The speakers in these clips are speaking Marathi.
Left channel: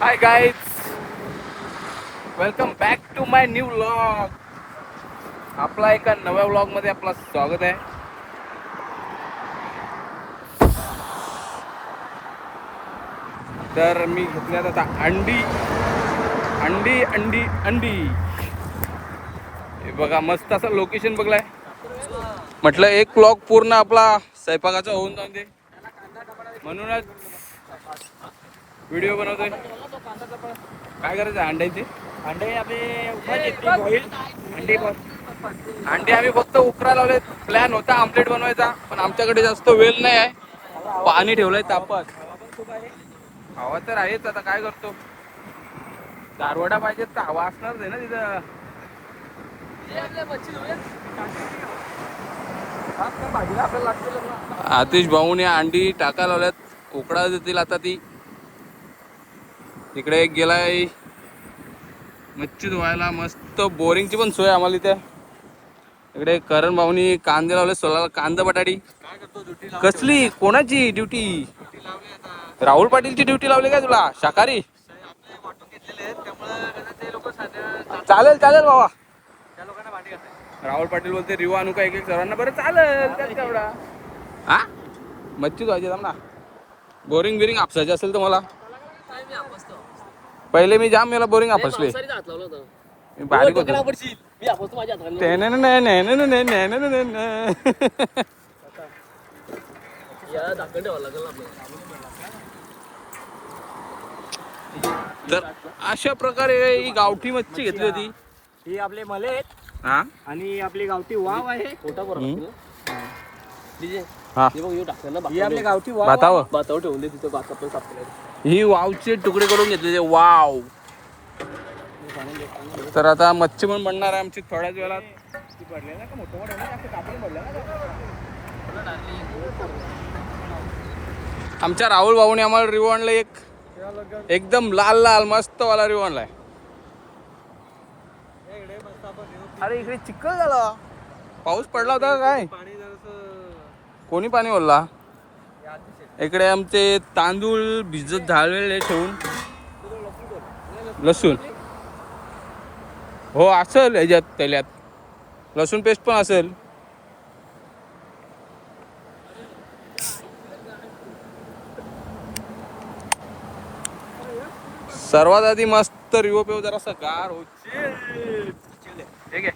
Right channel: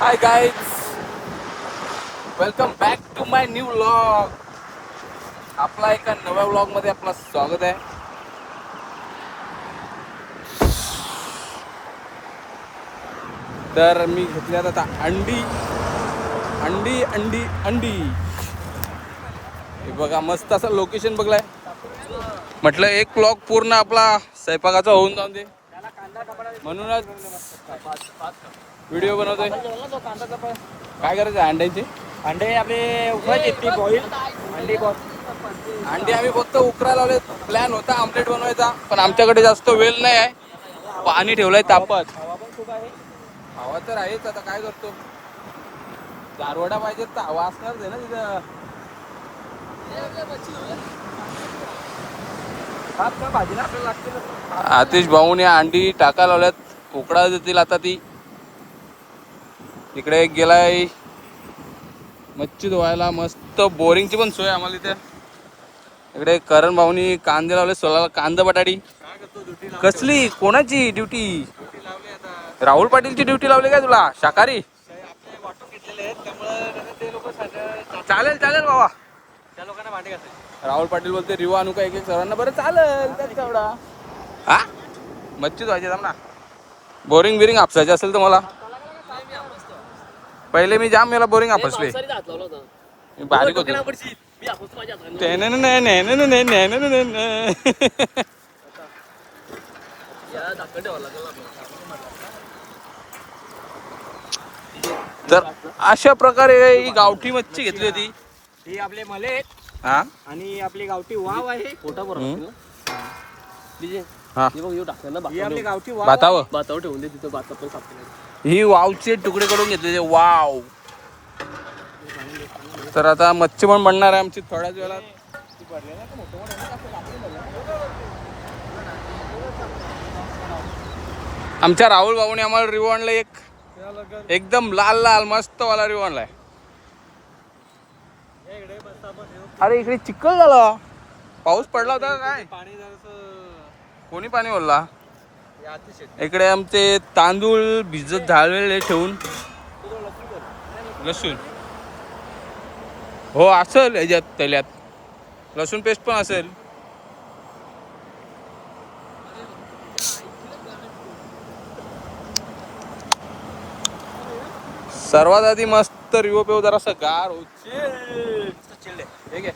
High guys, welcome back to my new vlog. आपला एका नव्या व्लॉग मध्ये आपलं स्वागत आहे. तर मी घेतल्यात आता अंडी अंडी अंडी अंडी. हे बघा, मस्त असं लोकेशन बघलाय. म्हटलं एक व्लॉग पूर्ण आपला स्वयंपाकाचा होऊन जाऊन दे, म्हणूनच व्हिडिओ बनवतोय. काय करायचं अंड्यांची? अंडे आपले उकळायचे बॉईल अंडे अंडे आम्ही फक्त उकरा लावले. प्लॅन होता आमलेट बनवायचा, पण आमच्याकडे जास्त वेळ नाही आहे. पाणी ठेवलंय तापत. हवा पण खूप आहे. हवा तर आहेच, आता काय करतो. दारवडा पाहिजे तर हवा असणारच आहे ना तिथं. भाजीला आतिश भाऊन या अंडी टाका लावल्यात, उकडा देतील आता ती. इकडे एक गेलाय मच्छी धुवायला. मस्त बोरिंगची पण सोय आम्हाला इथं. इकडे करण भाऊनी कांदे लावले सोलाला, कांदा बटाटी. काय करतो ड्युटी कसली कोणाची ड्युटी? लावली आता. राहुल पाटीलची ड्युटी लावली काय तुला? शाकाहारी आपले वाटून घेतलेले आहेत त्यामुळे ते लोक चालेल चालेल बाबा. त्या लोकांना भांडे घालतात. राहुल पाटील बोलते रिवा आणू का एक एक सर्वांना? बरं चालेल, त्यात केवढा. हा मच्छी धुवायची थांब ना. बोरिंग बिरिंग आपसायची असेल तर मला. पहिले मी जाम याला बोरिंग आपसले. मी बारीक होतो. तर अशा प्रकारे ही गावठी मच्छी घेतली होती. ही आपले मले आहेत हा आणि आपली गावठी वाव आहे. हा ही आपली गावठी वाव भातावर ठेवून दे तिथं ही वावचे तुकडे करून घेतले. वाव. तर आता मच्छी पण बनणार आहे आमची थोड्याच वेळात. आमच्या राहुल भाऊने आम्हाला रिवो आणला एक, एकदम लाल लाल मस्त वाला रिवो आणलाय. अरे इकडे चिखल झाला. पाऊस पडला होता काय? कोणी पाणी ओढला? इकडे आमचे तांदूळ भिजत झालेले ठेवून. लसूण हो असेल याच्यात, तेल्यात लसूण पेस्ट पण असेल. सर्वात आधी मस्त रिवो पेव जरासं गार होईल. हे घे.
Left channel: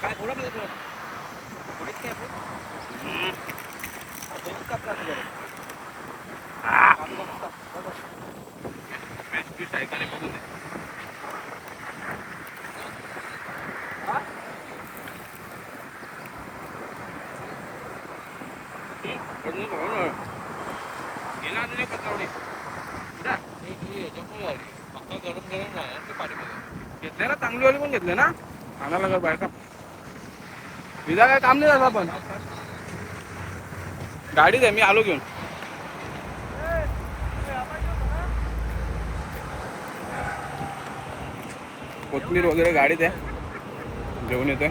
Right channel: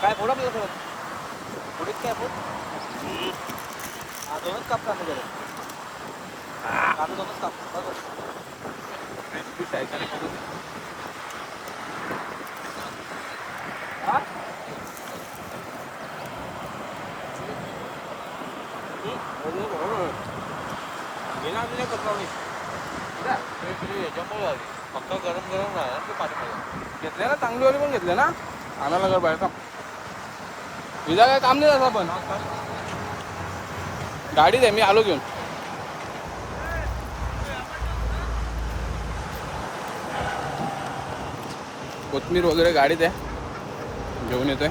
काय फोडा पुढे काय फोड दोनच काप का बरं. पक्का गरम गरम आहे पाणी घेतले ना चांगली वाली पण घेतले ना. आणायला कर बाहेर का विजा काय काम नाही आपण गाडीत आहे. मी आलो घेऊन. कोथमीर वगैरे गाडीत आहे, घेऊन येतोय.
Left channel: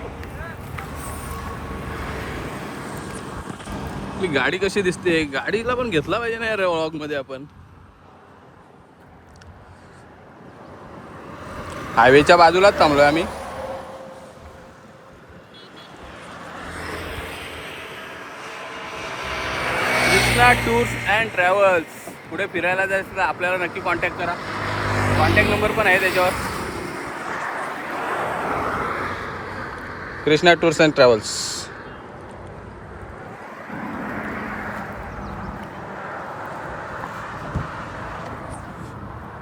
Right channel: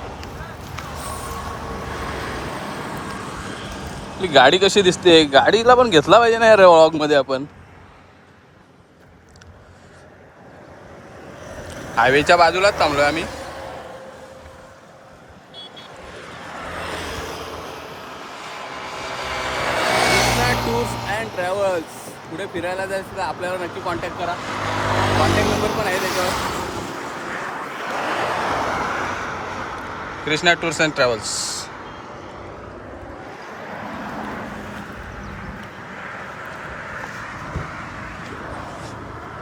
आपली गाडी कशी दिसते? गाडीला पण घेतला पाहिजे ना यार व्लॉग मध्ये आपण. हायवेच्या बाजूलाच थांबलोय आम्ही. Krishna tours and travels. पुढे फिरायला जायचं तर आपल्याला नक्की कॉन्टॅक्ट करा. कॉन्टॅक्ट नंबर पण आहे त्याच्यावर. Krishna tours and travels.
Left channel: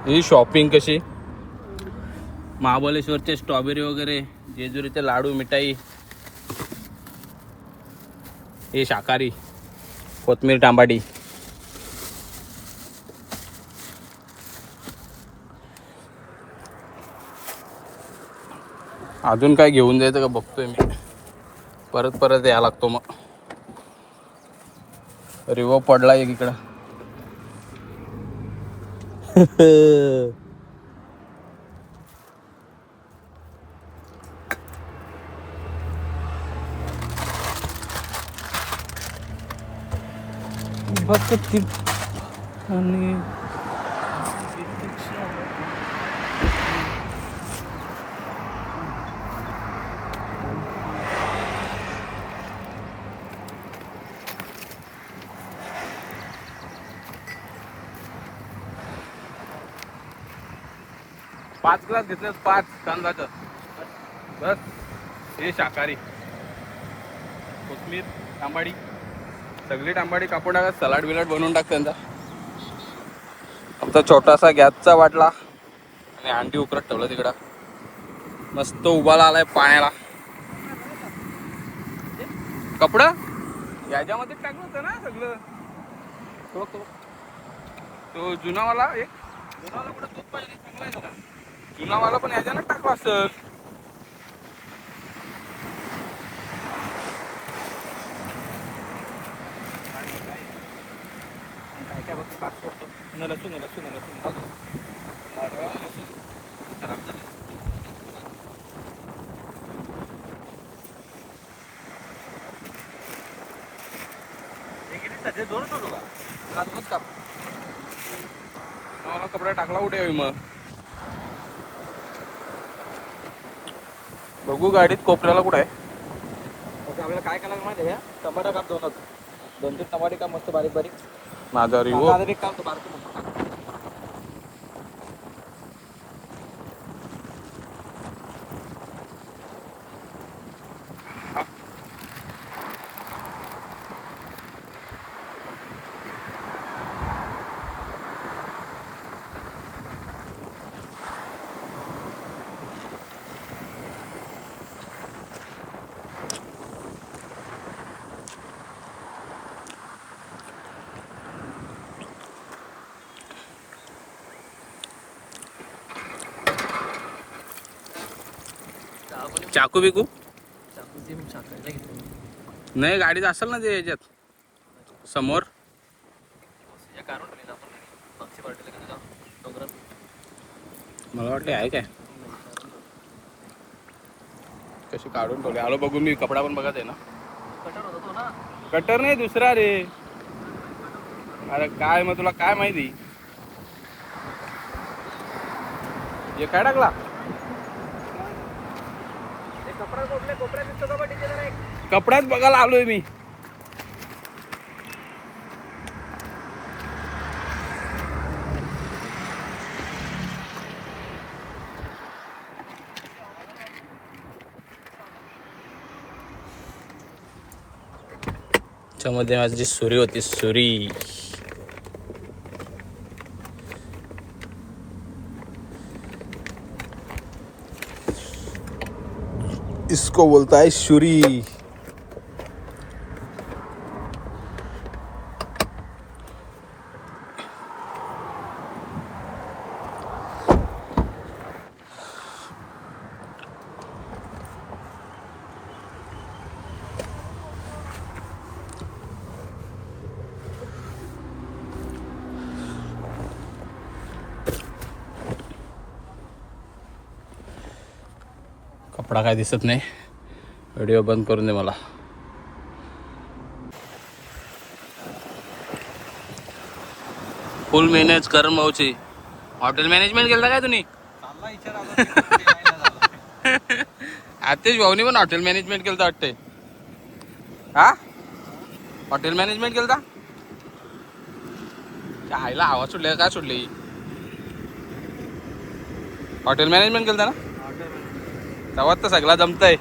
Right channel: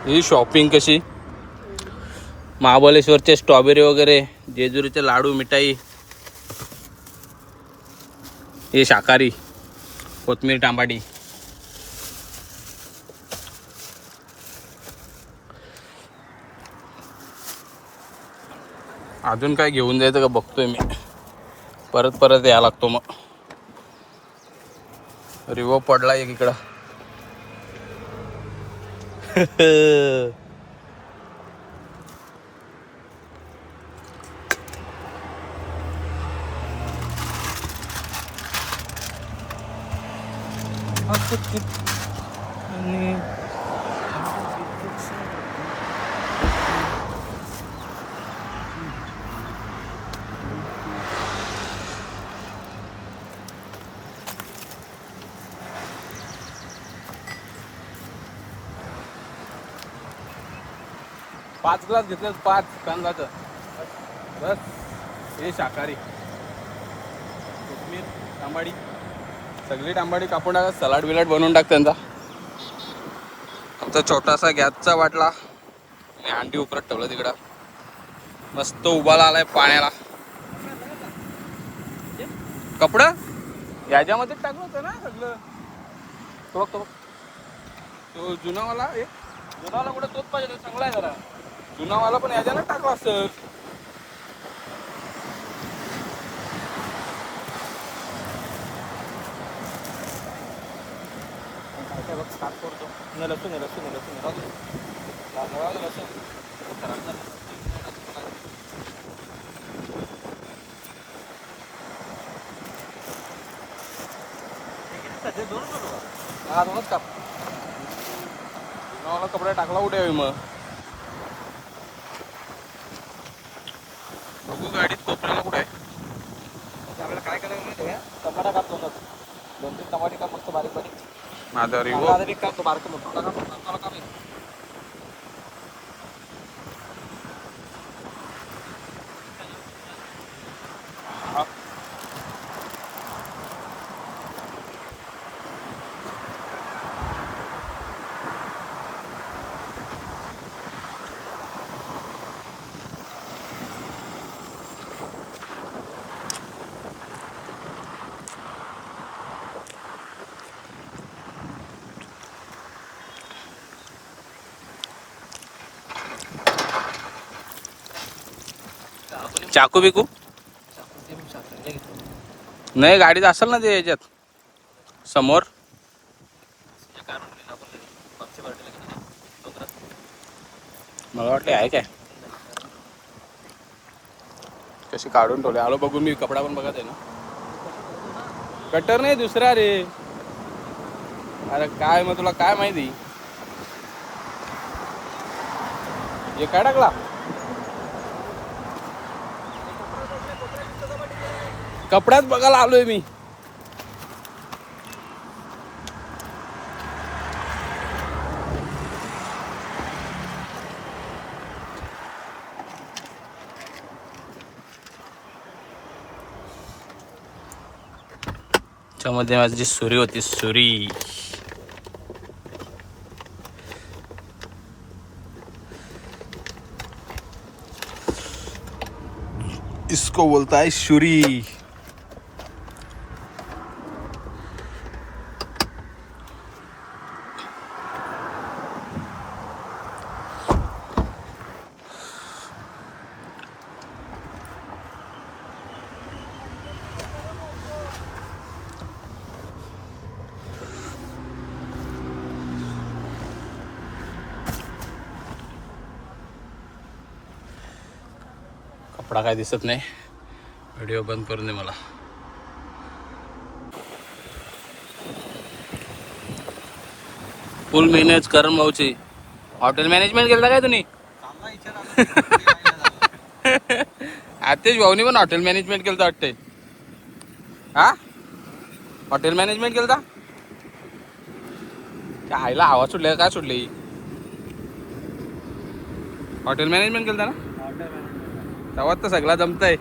He shopping कशी? महाबळेश्वरचे स्ट्रॉबेरी वगैरे, जेजुरीचे लाडू, मिठाई. हे शाकाहारी कोथमीर टांबाटी. अजून काय घेऊन जायचं का बघतोय मी. परत परत यायला लागतो मग. रिवो पडला एक इकडं. आणि पाच ग्लास घेतले, 5 कांदाचं बस. हे शाकाहारी, कोथमीर, तांबाडी, सगळी तांबाडी कापून टाका. सलाड बिलाड बनवून टाक त्यांचा. आमचा छोटासा गॅसचा वाटला आणि अंडी उकरत ठेवलं तिकडं. मस्त उभाला आलाय पाण्याला. कपडा याच्यामध्ये टाकलं होतं ना सगळं. तो जुनावाला, एक जुनावाला कुठं तोच पाहिजे, चांगला आहे जरा. जुनावाला पण याच्यानं टाकला असं. काय काय बघ, काट पडतो. न लसूण आहे, लसूण आहे, लसूण आहे. लसूण खराब झालं. हे किती सध्या दोनच होतो का? हा, दोनच काप. जुनावाला कपडा टाकला कुठे आहे मग? बघू गाडीत कोपऱ्याला कुठे आहे. आपल्याला काय करायला माहिती आहे? टमाटा काप दोन तीन टमाटे काप मस्त बारीक बारीक. माझा रिवो माझा एक काप तो बारकं काप. चाकू बिकू नाही गाडीत असेल ना ते याच्यात समोर. मला वाटलं आहे काय, कशी काढून ठेवले. आलो बघू मी. कपडा पण बघत आहे ना. कटर नाही, दुसरा रे. अरे काय मग तुला काय माहिती. हे काय टाकला? कपड्यात बघायला आलोय मी. त्याच्यामध्ये माझी सुरी होती, सुरी. इसको बोलता है शुरी. कपडा काय दिसत नाही. व्हिडिओ बंद करून दे मला. फुल मॅनेज करण भाऊची. हॉटेल मॅनेजमेंट केलं काय तुम्ही? आतेश भाऊनी पण हॉटेल मॅनेजमेंट केलं वाटतंय. हा, हॉटेल मॅनेजमेंट केलं. त्या आईला आवाज सुटले काय सुटले? हॉटेल मॅनेजमेंट केलं ना. तेव्हा तर सगळा जमतंय.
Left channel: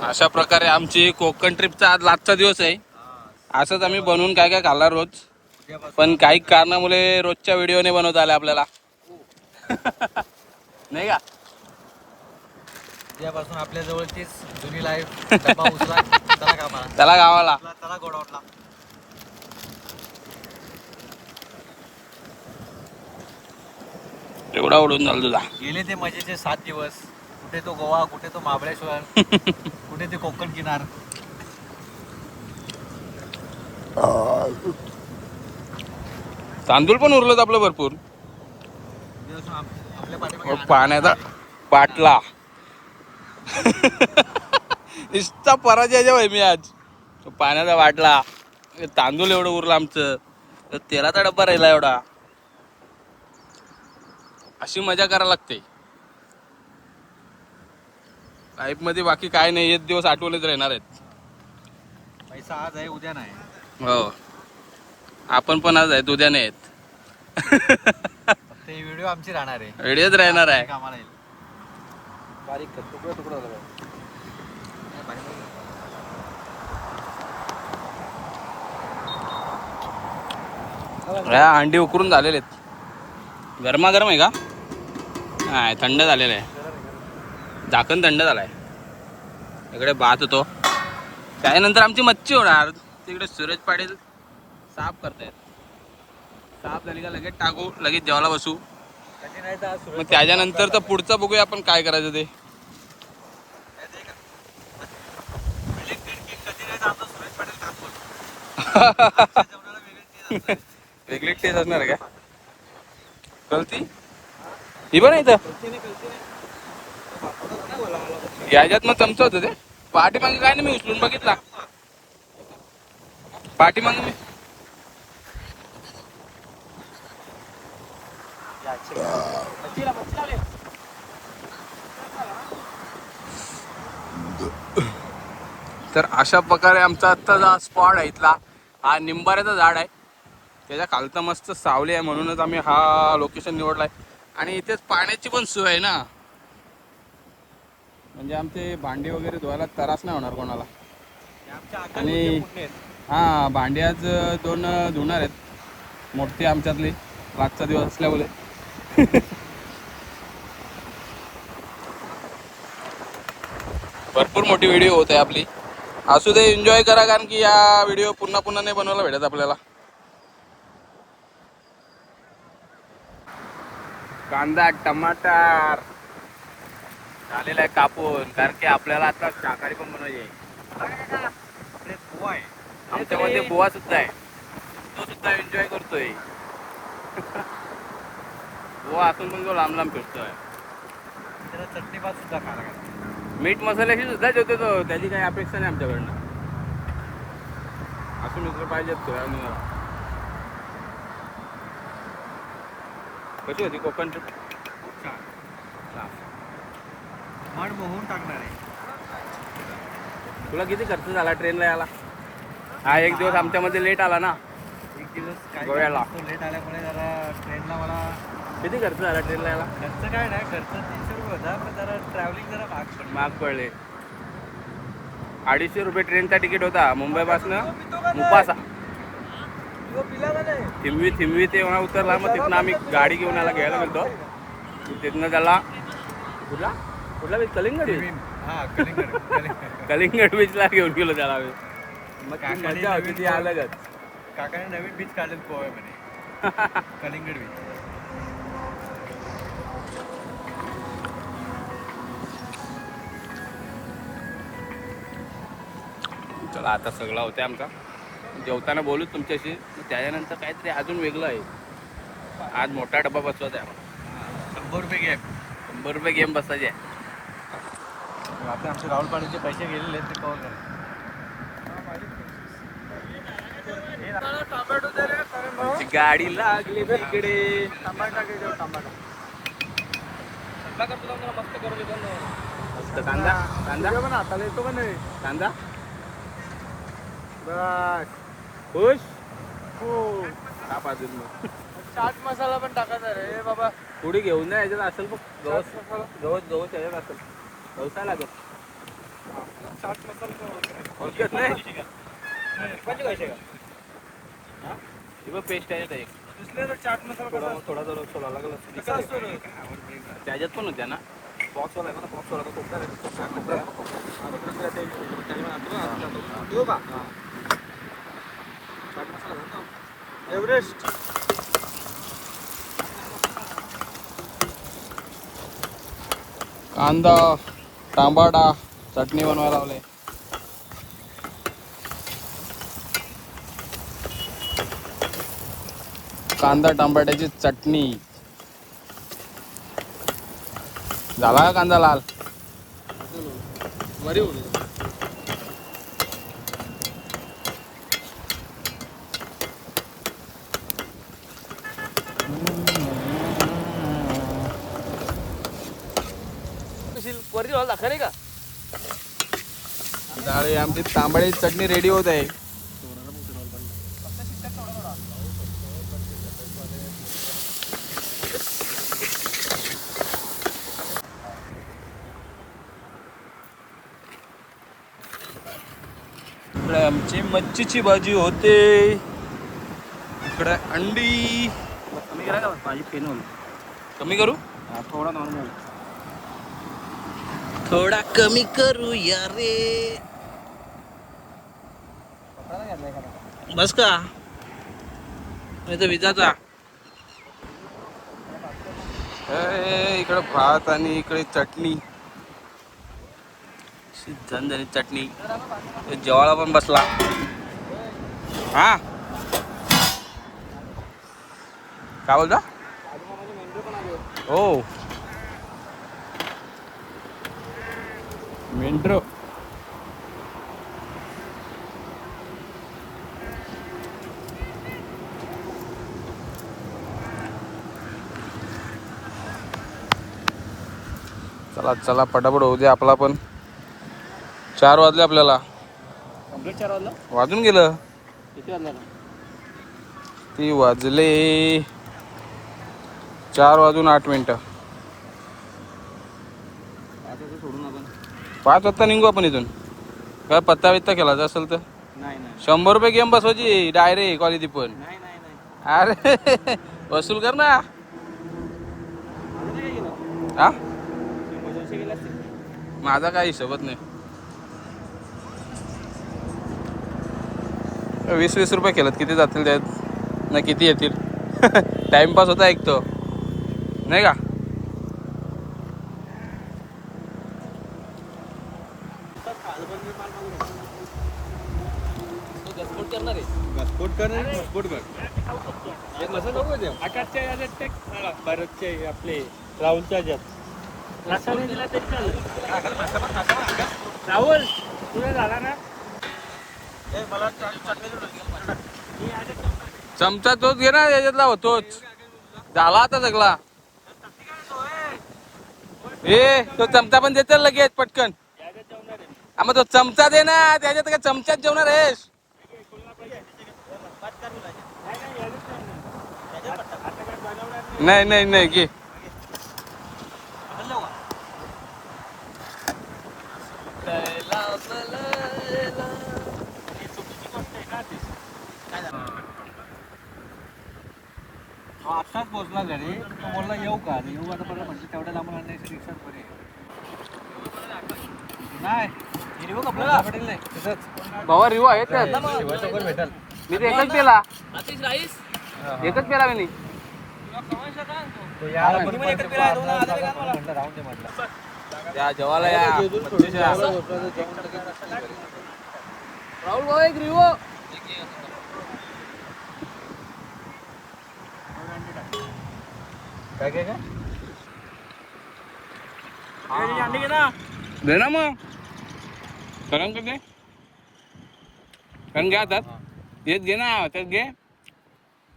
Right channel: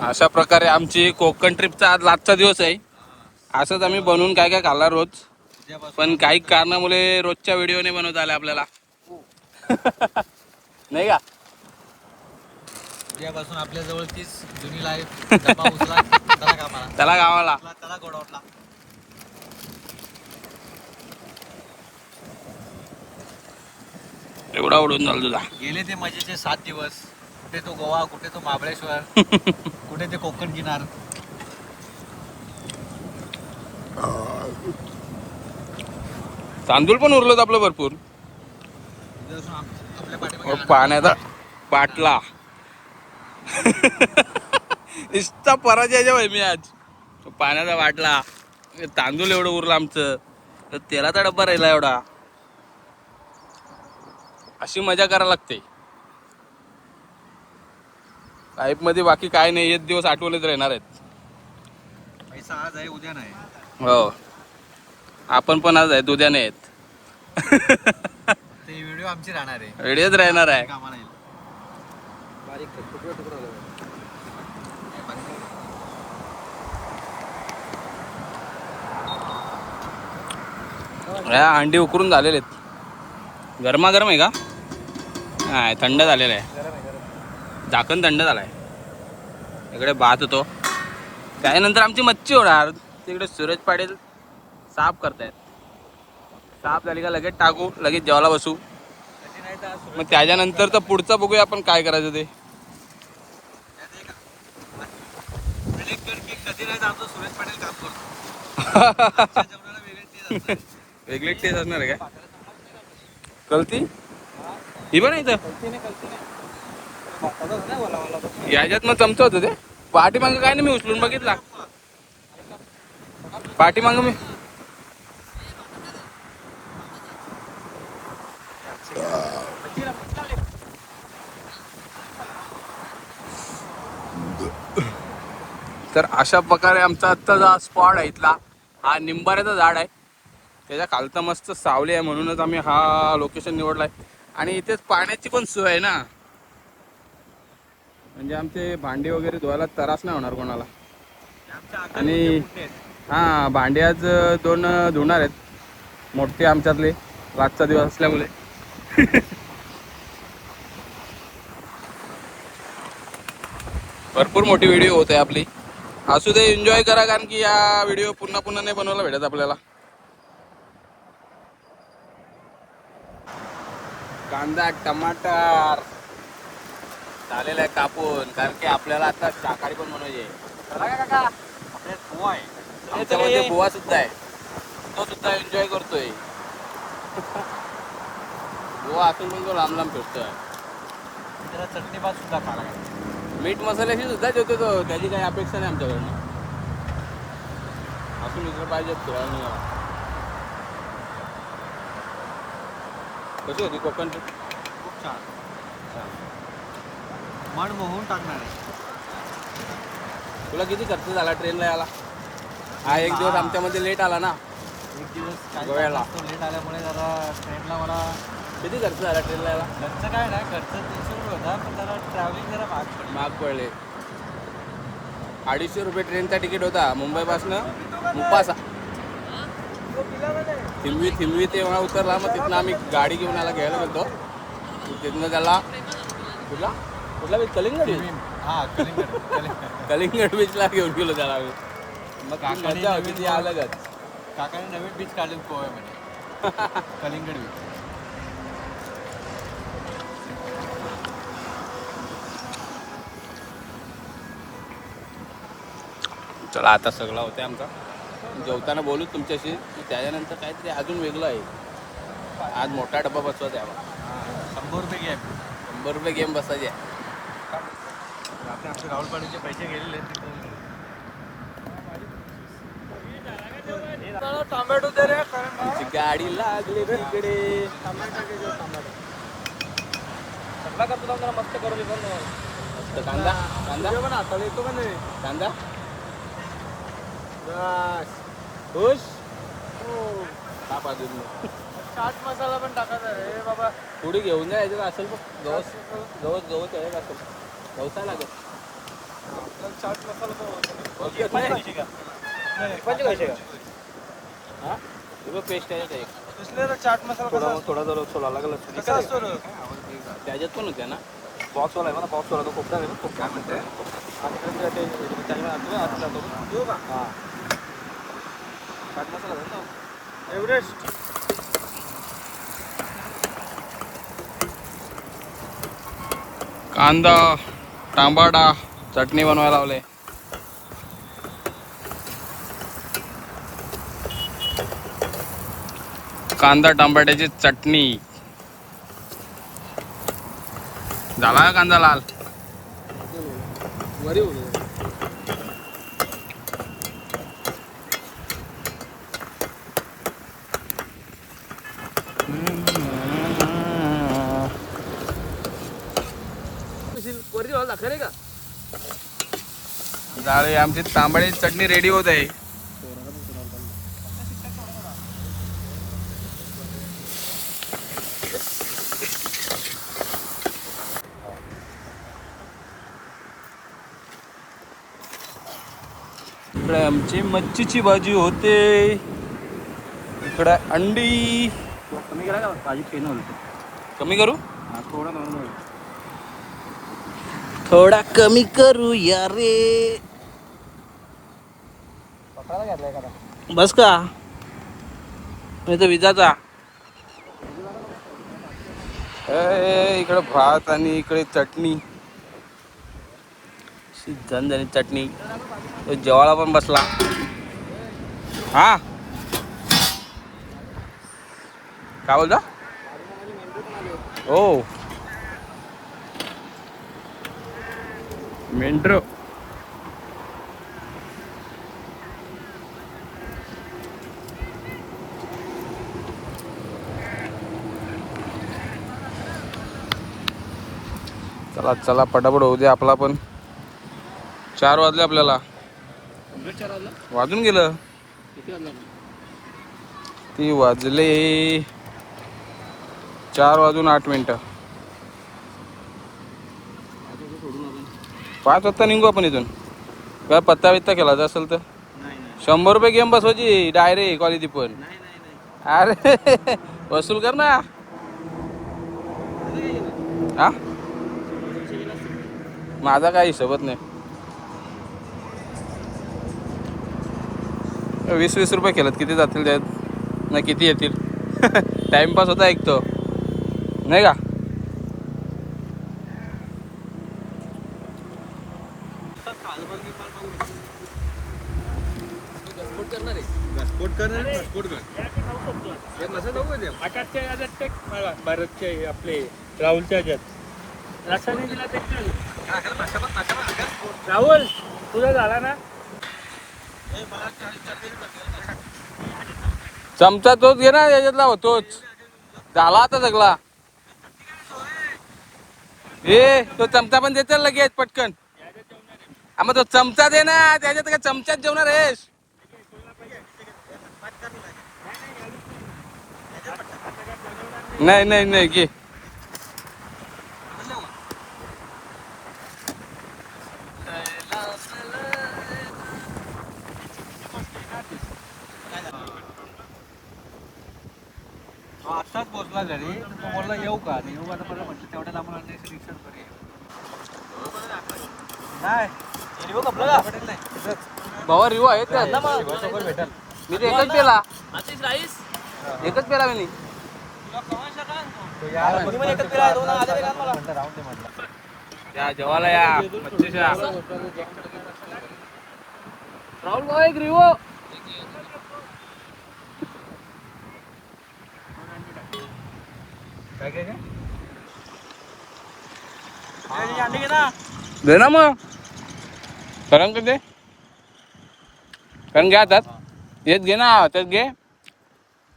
अशा प्रकारे आमची कोकण ट्रिपचा आज लास्टचा दिवस आहे. असंच आम्ही बनवून काय काय खाल्ला रोज, पण काही कारणामुळे रोजच्या व्हिडिओने बनवता आले आपल्याला. नाही का? उद्यापासून आपल्या जवळ तीच जुनी लाईफ. डबा उचला, चला कामाला, त्याला गावाला. त्याला गोडाऊनला. एवढा उडून झाला तुझा. गेले ते मजेचे 7 दिवस. कुठे तो गोवा, कुठे तो महाबळेश्वर, कुठे ते कोकण किनार. तांदूळ पण उरलं आपलं भरपूर. आपल्या पाठीमागे पाण्याचा बाटला. इष्टा पराजयाच्या भाई मी आज. पाण्याचा बाटला, तांदूळ एवढं उरलं आमचं, तर तेलाचा डब्बा राहिला एवढा. अशी मजा करायला लागते लाईफ मध्ये. बाकी काय नाही, एक दिवस आठवणीत राहणार आहेत. पैसा आज आहे उद्या नाही. हो, आपण पण आज आहेत उद्या नाही आहेत. ते व्हिडिओ आमची राहणार आहे. व्हिडिओच राहणार आहे. कामाला येईल. बारीक तुकडं तुकडं झालं. ह्या अंडी उकरून झालेले आहेत. गरमागरम आहे का? नाही, थंड झालेलं आहे. झाकण थंड झालाय. इकडे भात होतो. त्यानंतर आमची मच्छी होणार. तिकडे सूरज पाटील साफ करतायत. साफ झाली का लगेच टाकू, लगेच जेवायला बसू. मग त्याच्यानंतर तर पुढचं बघूया आपण काय करायचं ते. सूरज पाटील काम करतो. वेगळी टेस्ट असणार आहे का? कलती ही पण इथं याच्यात मग चमचा होतं ते. पाठीमागं काय नाही, मी उचलून बघितला. पाठीमागं मी तर अशा प्रकारे आमचा आत्ताचा स्पॉट आहे इथला. हा निंबाऱ्याचं झाड आहे, त्याच्या खालतं मस्त सावली आहे, म्हणूनच आम्ही हा लोकेशन निवडलाय. आणि इथेच पाण्याची पण सोय आहे ना, म्हणजे आमचे भांडी वगैरे धुवायला त्रास नाही होणार कोणाला. आणि हां, भांडी आज 2 धुणार आहेत मोठे आमच्यातले, रातचा दिवस असल्यामुळे. भरपूर मोठी व्हिडिओ होत आहे आपली. असू दे, एन्जॉय करा, कारण की या व्हिडिओ पुन्हा पुन्हा नाही बनवायला भेटत आपल्याला. कांदा टमाटर झालेला आहे कापून, कारण की आपल्याला आता शाकाहारी पण बनवायचे. आमच्यामध्ये बुवा सुद्धा आहे, तो सुद्धा एन्जॉय करतोय. बुवा असून पण तो लांब लांब फिरतोय. चटणी भात सुद्धा खायला लागला. मीठ मसाल्याशी सुद्धा जेवतो तो, त्याची काही अपेक्षा नाही आमच्याकडनं. असून दुसरं पाहिजेत फिरायला निघाला. कशी होती कोकण ट्रिप? खूप छान. मन मोहून टाकणार आहे. तुला किती खर्च झाला ट्रेनला यायला? हा, एक दिवस आमच्यामध्ये लेट आला ना. एक दिवस गोव्याला लेट आल्यामुळे जरा ट्रेनला मला किती खर्च झाला ट्रेनला यायला? खर्च काय नाही, खर्च 300 रुपये होता, पण जरा ट्रॅव्हलिंग जरा महाग पडले. 250 रुपये ट्रेनचा तिकीट होता मुंबईपासनं मुपासा. थिंबवी ते उतरला. मग तिथनं आम्ही गाडी घेऊन आला, घ्यायला गेलो. तिथनं त्याला कुठला बीच? कलिंगड बीच. कलिंगड बीचला घेऊन गेलो त्याला आम्ही. मग मजा होती ती अलगच. काकाने नवीन बीच काढले गोव्यामध्ये. कलिंगड बीच. चला, आता सगळा होते आमचा. जेवताना बोलू तुमच्याशी. त्याच्यानंतर काहीतरी अजून वेगळं आहे. आज मोठा डब्बा बसवायचा आहे आम्हाला. 100 रुपये गेम. 100 रुपये गेम बसायचे आहे. आता आमचे राहुल पाटीलचे पैसे गेलेले आहेत, ते कव्हर करायचे. टोमॅटो दे रे करण भाऊ. आमची गाडी लागली तिकडे. टमाटा घे, टमाटा सगळा करतो ना, मस्त करू. मस्त कांदा पण हाताला येतो का नाही कांदा. बस खुश ताप अजून मग. चाट मसाला पण टाकायचा रे बाबा. पुढे घेऊन जा, याच्यात असेल बघ. गवत याच्यात असेल. व्यवसाय लागत. चाट मसाला पण ओळखत नाही. पैसे हे बघ, पेस्ट आहे एक. चाट मसाला थोडा जर सोडा लागला त्याच्यात पण होत्या ना. बॉक्सवाला आहे ना, बॉक्सवाला तो कोपरा आहे ना, कोपरा म्हणते. आणि देऊ का? हां, चाट मसाला आहे ना, एव्हरेस्ट. कांदा टमाटा चटणी बनवायला लावले. कांदा टमाट्याची चटणी. झाला का कांदा लाल? झाले आमची तांबड्याची चटणी रेडी होत आहे. इकडे आमची मच्छीची भाजी होते. इकडे अंडी. कमी करा का भाजी पेन होईल. कमी करू? हा थोडा नॉर्मल. थोडा कमी करू या रे. बस का मी तर विजाचा. इकडे भात आणि इकडे चटणी. झणझणी चटणी. जेवायला पण बसला. हा काय बोलता? हो मेंढर. चला चला पटापट होऊ दे आपला पण. 4 वाजले आपल्याला. कंप्लीट 4 वाजला. वाजून गेलं. किती वाजला? ती वाजले 4:08. सोडून आपण 5 वाजता निघू आपण इथून. काय पत्ता बित्ता केला असेल तर नाही नाही 100 रुपये गेम बसवायची डायरेक्ट क्वालिटी पण. नाही नाही अरे वसूल कर ना. हा माझा काय हिशोबत नाही. 20-20 रुपये केलं किती जातील त्यात नाही किती येतील. टाइमपास होता एक तो नाही का. भारतचे आपले राहुलच्या ह्याच्यात रासायनिक दिला राहुल तुझा झाला ना. चमचा तोच घे ना याच्यातला होतोच. झाला आता सगळा. ए तो चमचा पण देते लगेच पटकन. मग तो चमचा दे ना. त्याच्यात काय चमच्यात जेवणार आहेस. नाही नाही नाही घे. आत्ताच पोहोचला घरी. तो बोलला येऊ का आणि येऊ आता परत म्हटलं तेवढ्या लांबून आणण्याची रिक्षा बरी नाही. भावा रिवा आहे त्यात. भेटल. मी तर एकच पेला. एकच पेला मी. या जेवायला या मच्छीच्या. राहुल भाऊ एक रिवो. काय काय काय दे ना मग. करण कर दे. करण घ्या हातात. येत घे ना त्यात घे.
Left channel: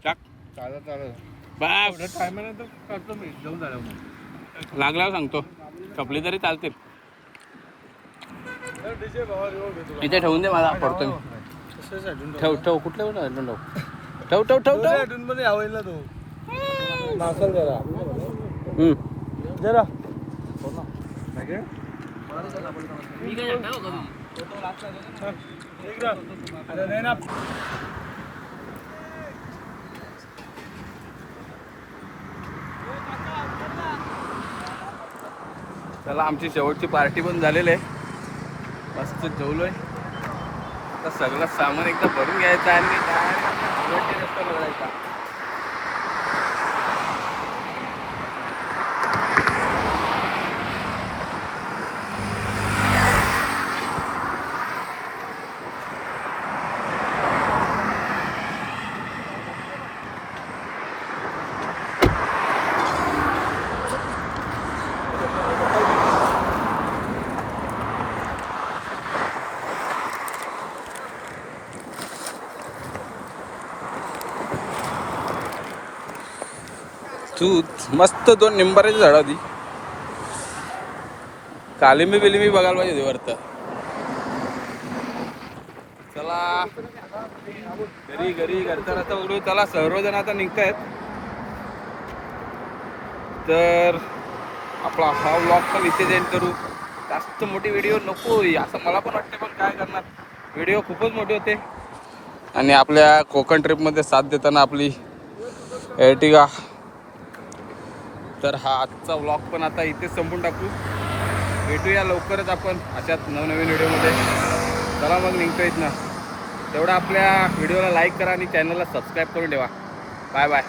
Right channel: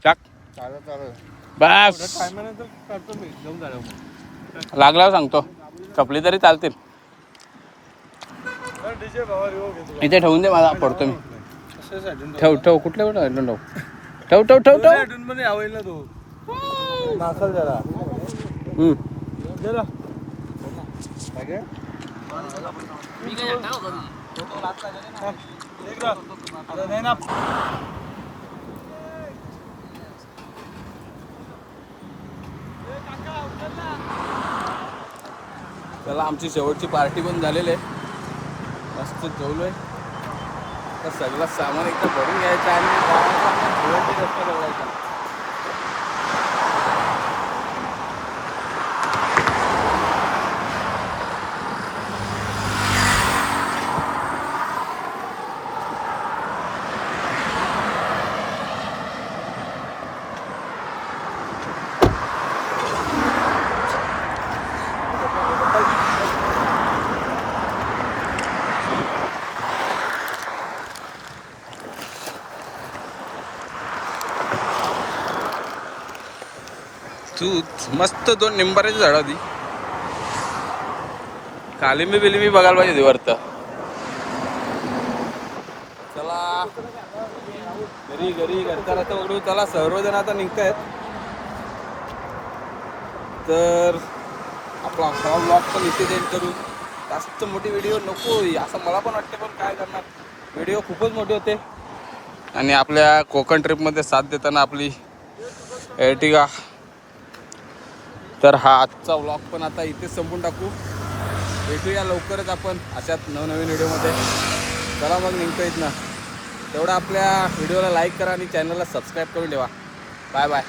टाक. चालत चालत बस टायमानंतर करतो मी. जाऊन झालं मग लागल्यावर सांगतो. कपली तरी चालतील. इथे ठेवून दे मला पडतो मी. ठेव ठेव कुठल्या कुठं ठेव ठेव ठेव ठेव ठेव. मध्ये आवडला तो नासल जरा जरा काय चला आमची शेवटची पार्टी पण झालेली आहे. मस्त जेवलोय. आता सगळं सामान एकदा भरून घ्यायचं आणि काय चांगला भुवंडी रस्ता बघायचा. तू मस्त 2 निंबाऱ्याची झाड होती. कालिंबी बिलिंबी बघायला पाहिजे वरतं. चला घरी घरचा रस्ता बघू. चला सर्वजण आता निघतायत. तर आपला हा व्लॉग पण इथे एंड करू. जास्त मोठी व्हिडिओ नको असं मला पण वाटते, पण काय करणार, व्हिडिओ खूपच मोठे होते. आणि आपल्या कोकण ट्रिपमध्ये साथ देताना आपली एर्टिगा. तर हा आजचा व्लॉग पण आता इथेच संपून टाकू. भेटूया लवकरच आपण अशाच नवनवीन व्हिडिओमध्ये. चला मग निघतो इथनं. तेवढं आपल्या व्हिडिओला लाईक करा आणि चॅनलला सबस्क्राईब करून ठेवा. Bye bye.